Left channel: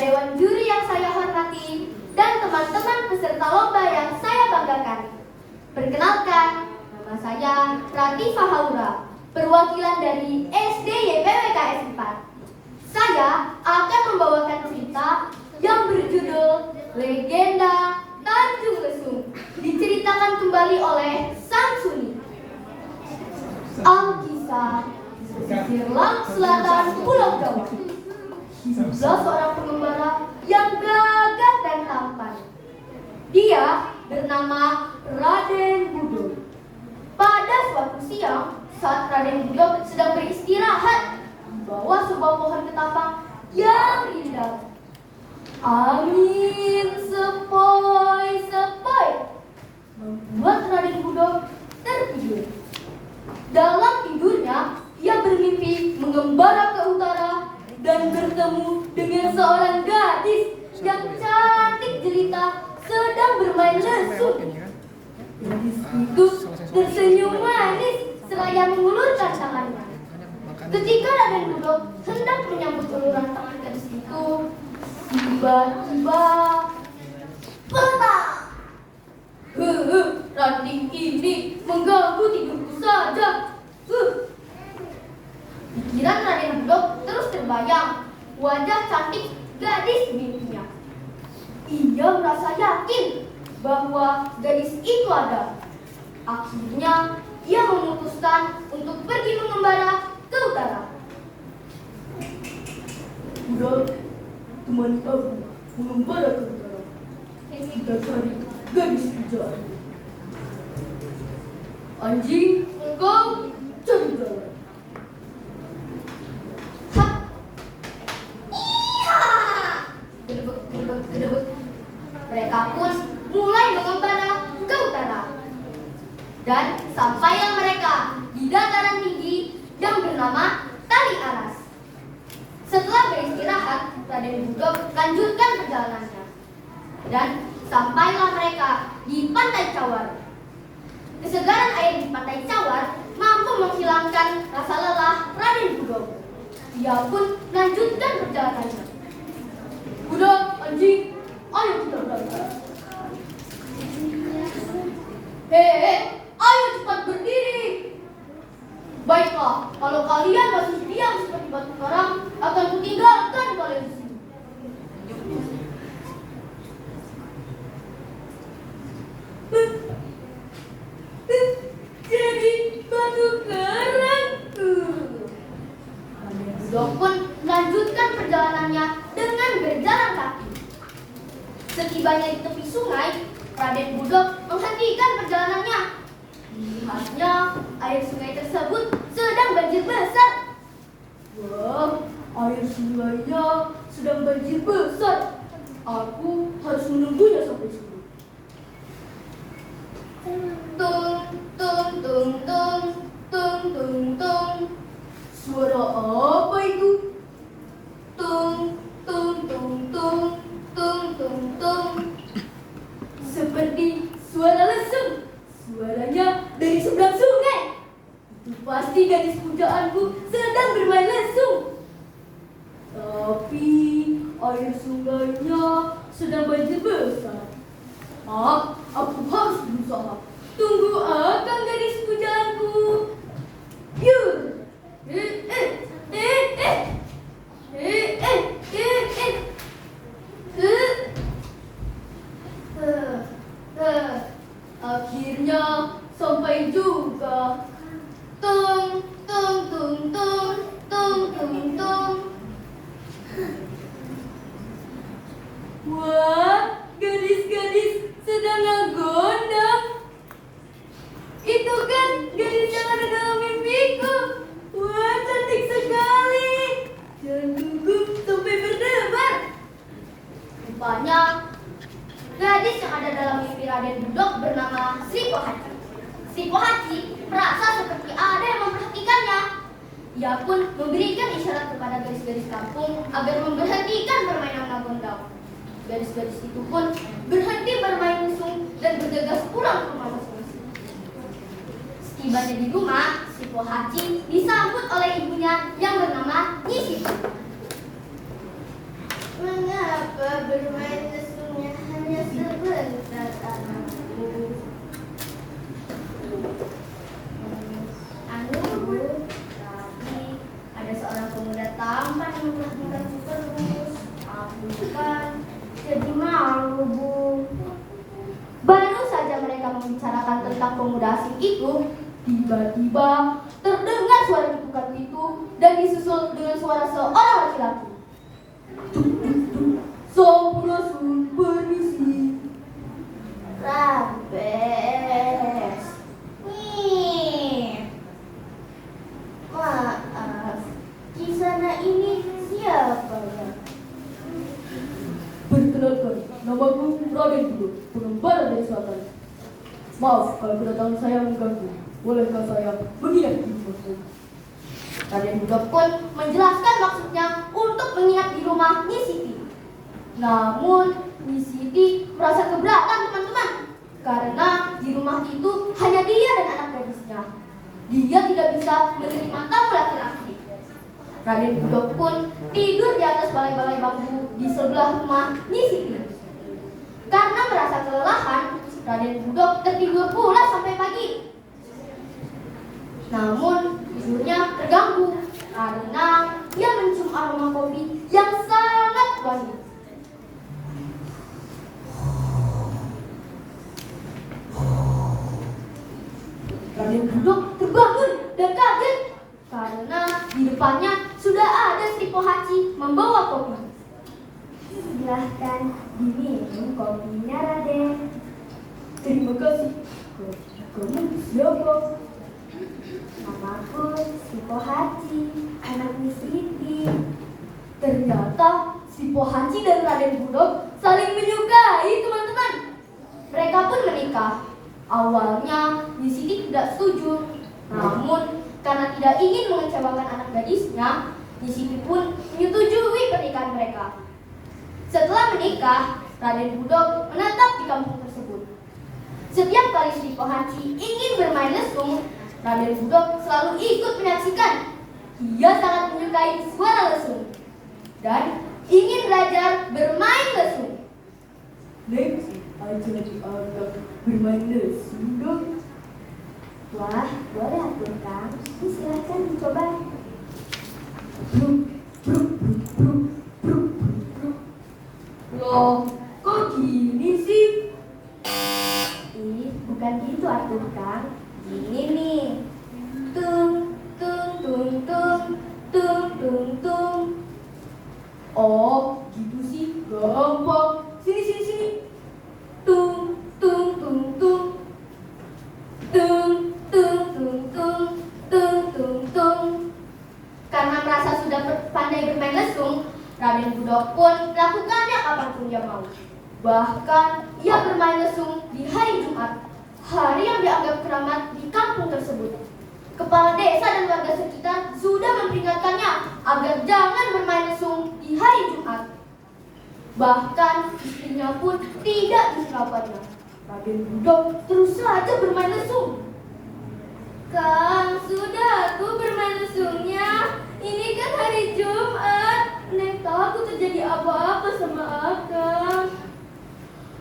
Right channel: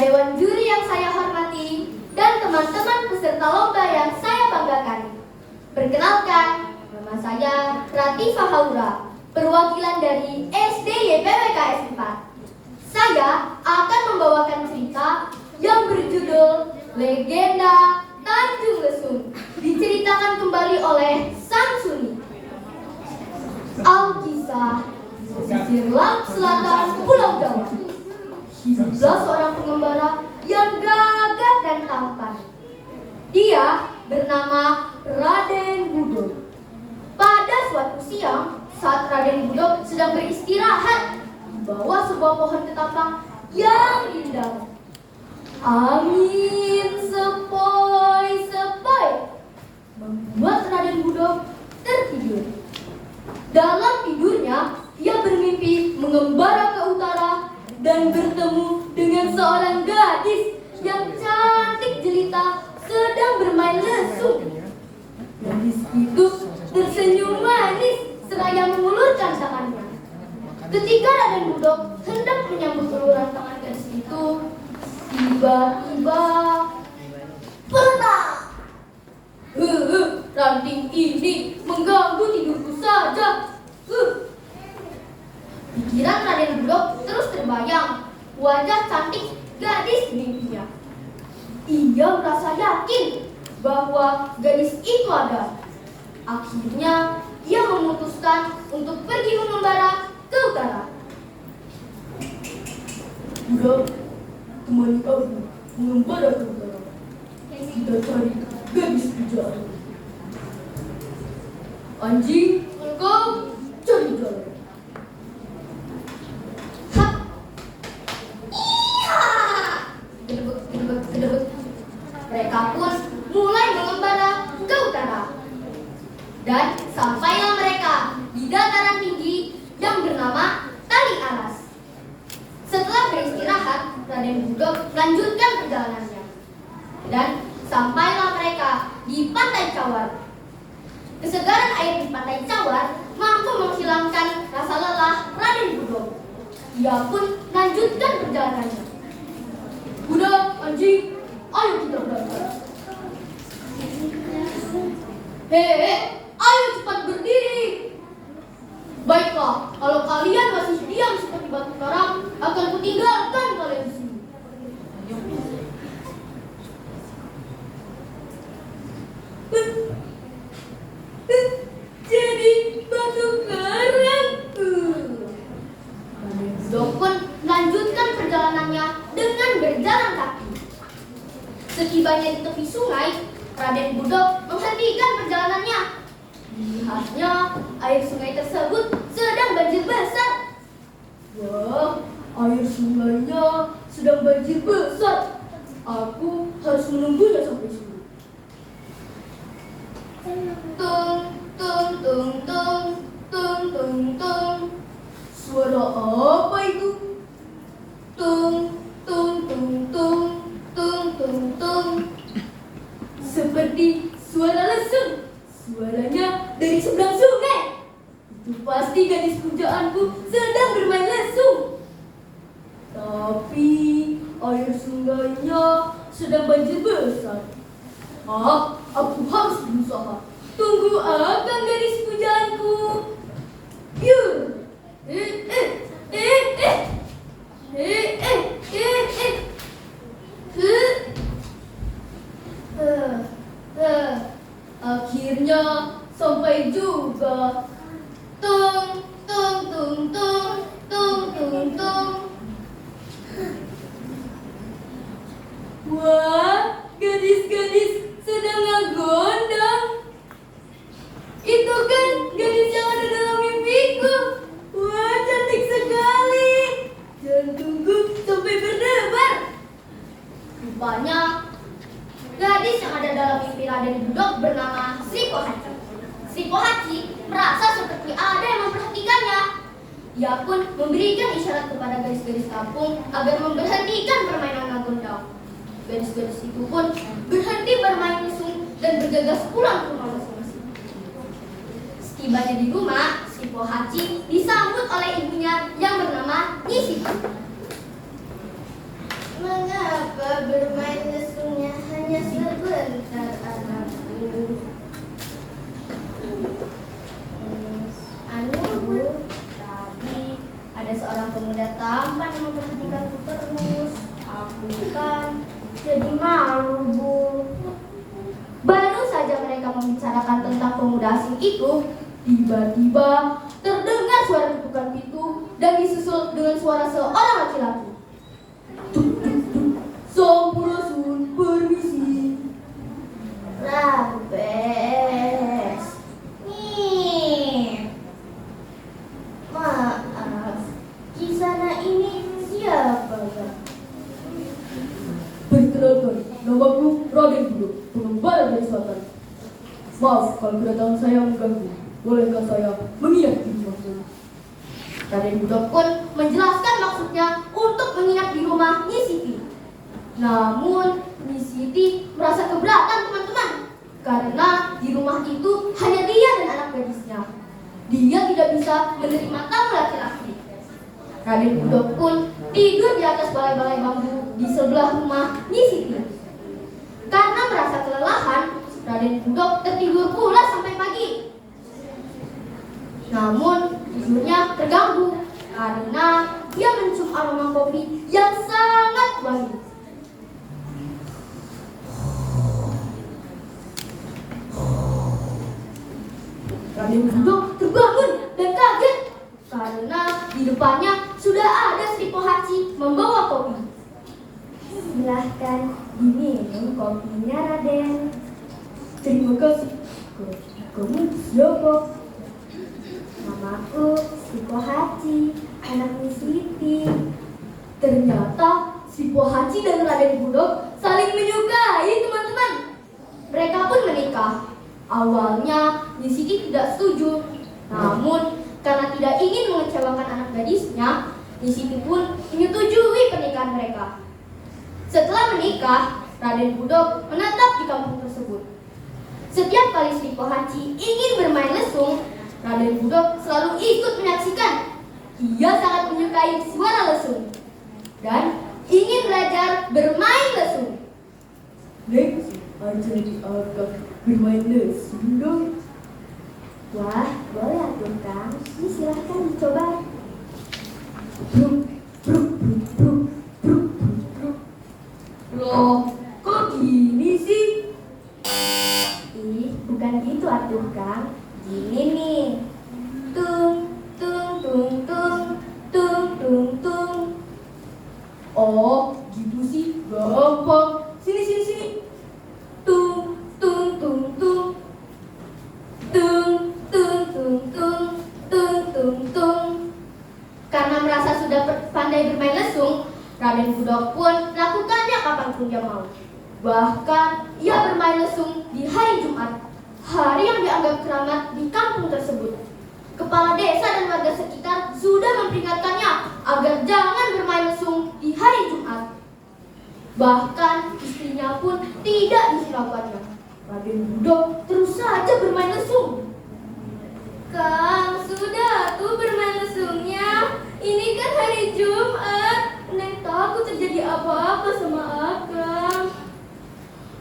dewan juri yang saya hormati, dan teman-teman peserta lomba yang saya banggakan. Perkenalkan, nama saya Ratifah Haura, perwakilan dari SD YPWKS 4. Saya akan membawakan cerita yang berjudul Legenda Tanjung Lesung, diceritakan kembali oleh Samsuni. Alkisah di pesisir laut selatan Pulau Jawa. Hiduplah seorang pengembara yang gagah dan tampan. Dia bernama Raden Budok. Pada suatu siang, saat Raden Budok sedang beristirahat di bawah sebuah pohon ketapang yang indah, angin sepoi-sepoi membuat Raden Budok tertidur. Dalam tidurnya, ia bermimpi mengembara ke utara dan bertemu dengan seorang gadis yang cantik jelita sedang bermain lesung. Gadis itu tersenyum manis seraya mengulurkan tangannya. Ketika Raden Budok hendak menyambut uluran tangan gadis itu, tiba-tiba petak! Ranting ini mengganggu tidurku saja. Pikiran Raden Budok terus terbayang wajah cantik gadis mimpinya. Ia merasa yakin bahwa gadis itu ada. Akhirnya ia memutuskan untuk pergi mengembara ke utara. Budok, temani aku mengembara ke utara. Kita cari gadis pujaan. Anjing, engkau cari jalan. Kedebut. Mereka pun mulai mengembara ke utara. Dan sampailah mereka di dataran tinggi yang bernama Tali Aras. Setelah beristirahat, Raden Budok melanjutkan perjalanannya. Dan sampailah mereka di Pantai Cawar. Kesegaran air di Pantai Cawar mampu menghilangkan rasa lelah Raden Budok. Ia pun melanjutkan perjalanannya. Budok, anjing, ayo kita berangkat. Hei, ayo cepat berdiri. Baiklah, kalau kalian masih diam seperti batu karang, akan kutinggalkan kalian di sini. Jadi batu karang. Raden Budok pun melanjutkan perjalanannya dengan berjalan kaki. Setibanya di tepi sungai, Raden Budok menghentikan perjalanannya. Dilihatnya, air sungai tersebut sedang banjir besar. Wah, air sungainya sedang banjir besar. Aku harus menunggunya sampai sini. Tung, tung, tung, tung, tung, tung, tung. Suara apa itu? Tung, tung, tung, tung, tung, tung, tung. Seperti suara lesung. Suaranya dari seberang sungai. Itu pasti gadis pujaanku sedang bermain lesung. Tapi air sungainya sedang banjir besar. Aku harus berusaha. Tunggu akang gadis pujaanku. Yuk. Akhirnya sampai juga. Tung, tung, tung, tung, tung, tung, tung. Wah, gadis-gadis sedang ngagondang. Itu kan gadis yang ada dalam mimpiku. Wah, cantik sekali. Jantungku sampai berdebar. Rupanya gadis yang ada dalam mimpi Raden Budok bernama Sri Pohaci. Sri Pohaci merasa seperti ada yang memperhatikannya. Ia pun memberikan isyarat kepada gadis-gadis kampung agar memberhentikan permainan ngagondang. Gadis-gadis itu pun berhenti bermain lesung dan bergegas pulang ke rumah masing-masing. Setibanya di rumah, Sri Pohaci disambut oleh ibunya yang bernama Nyi Siti. Mengapa jadi malu, Bu. Baru saja mereka membicarakan tentang pemuda asing itu, tiba-tiba terdengar suara ketukan pintu dan disusul dengan suara seorang laki-laki. Tuk tuk tuk, sampurasun, permisi. Rampes. Nih. Maaf, kisana ini siapa ya? Perkenalkan, namaku Raden Budo, pengembara dari selatan. Maaf kalau kedatangan saya mengganggu. Bolehkah saya menginap di rumah saya? Raden Budo pun menjelaskan maksudnya untuk menginap di rumah Nyi Siti. Namun Nyi Siti merasa keberatan teman-teman, karena di rumah itu hanya dia dan anak gadisnya. Dia tidak bisa menerima tamu laki-laki. Raden Budo pun tidur di atas balai-balai bambu di sebelah rumah Nyi Siti. Karena merasa kelelahan, Raden Budo tertidur pula sampai pagi. Namun tidurnya terganggu karena dia mencium aroma kopi yang sangat wangi. Raden Budo terbangun dan kaget karena di depannya sudah ada Sri Pohaci membawa kopi. Silahkan diminum kopinya, Raden. Terima kasih. Kamu siapa? Namaku Sri Pohaci, anak Nyi Siti. Ternyata si Pohaci dan Raden Budo saling menyukai, teman-teman. Mereka pun menikah. Awalnya Nyi Siti tidak setuju, namun karena tidak ingin mengecewakan anak gadisnya, Nyi Siti pun menyetujui pernikahan mereka. Setelah menikah, Raden Budo menetap di kampung tersebut. Setiap kali Sri Pohaci ingin bermain lesung, Raden Budo selalu ikut menyaksikan. Ia sangat menyukai suara lesung dan ingin belajar bermain lesung. Next, aja dianggap bermain lesung dong. Wah, boleh atuh Kang. Ini silahkan dicoba. Bruk, bruk, bruk, bruk, bruk, bruk, bruk. Loh, kok gini sih? Ih, bukan gitu atuh Kang. Gini nih. Tung, tung, tung, tung, tung, tung, tung. Oh, gitu sih, gampang. Sini, sini, sini. Tung, tung, tung, tung. Tung, tung, tung, tung, tung, tung, tung. Karena merasa sudah pandai bermain lesung, Raden Budo pun melakukannya kapanpun dia mau. Bahkan ia bermain lesung di hari Jumat, hari yang dianggap keramat di kampung tersebut. Kepala desa dan warga sekitar sudah memperingatkannya agar jangan bermain lesung di hari Jumat. Bahkan istrinya pun tidak dihiraukannya. Raden Budo terus saja bermain lesung. Kang, sudah tuh bermain lesungnya. Ini kan hari Jumat. Neng takut terjadi apa-apa sama Akang.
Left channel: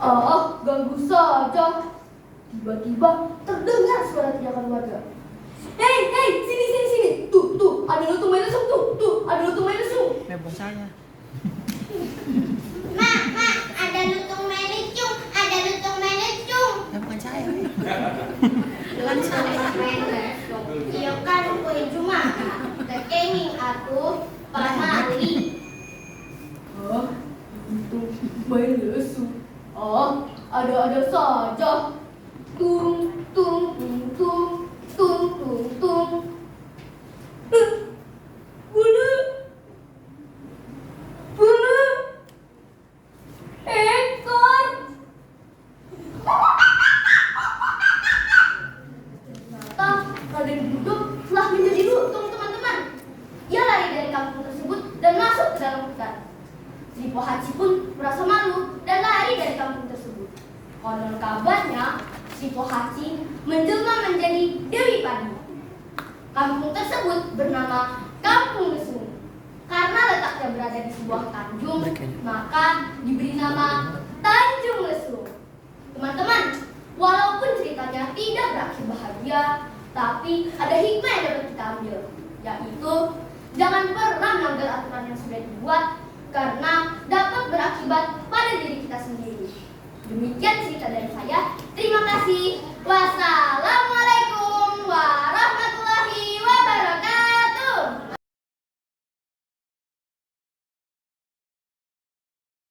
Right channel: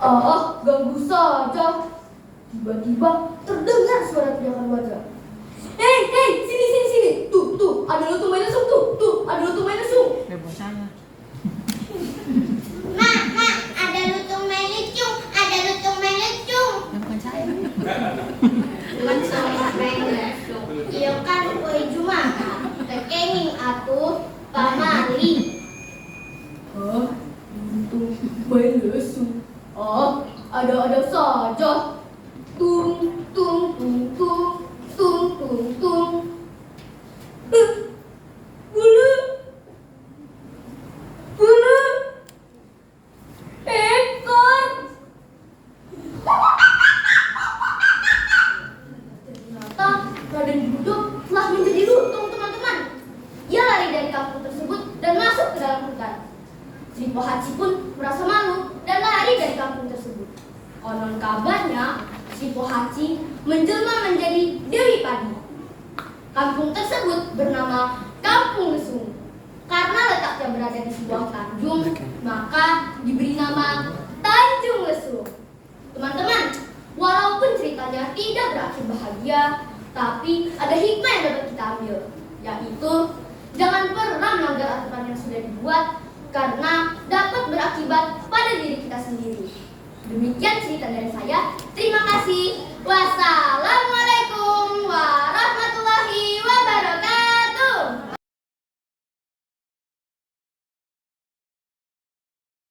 Ah, ganggu saja. Tiba-tiba terdengar suara teriakan warga. Hei, hei, sini, sini, sini. Tuh, tuh, ada lutung main lesung tuh. Tuh, ada lutung main lesung. Bebas saya. Mak, ada lutung main lesung. Ada lutung main lesung. Ya bukan saya. Lutung main lesung. Iya kan, kue Jumat. Tekenging atuh pamali. Ah, lutung main lesung. Ah, ada-ada saja. Tung, tung, tung, tung, tung, tung, tung. Bulu, bulu, ekor. Ternyata Raden Budo telah menjadi lutung, teman-teman. Ia lari dari kampung tersebut dan masuk ke dalam hutan. Sri Pohaci pun merasa malu dan lari dari kampung tersebut. Konon kabarnya Sri Pohaci menjelma menjadi Dewi Padi. Kampung tersebut bernama Kampung Lesung. Karena letaknya berada di sebuah tanjung, maka diberi nama Tanjung Lesung. Teman-teman, walaupun ceritanya tidak berakhir bahagia, tapi ada hikmah yang dapat kita ambil, yaitu jangan pernah melanggar aturan yang sudah dibuat karena dapat berakibat pada pada diri kita sendiri. Demikian cerita dari saya. Terima kasih. Wassalamualaikum warahmatullahi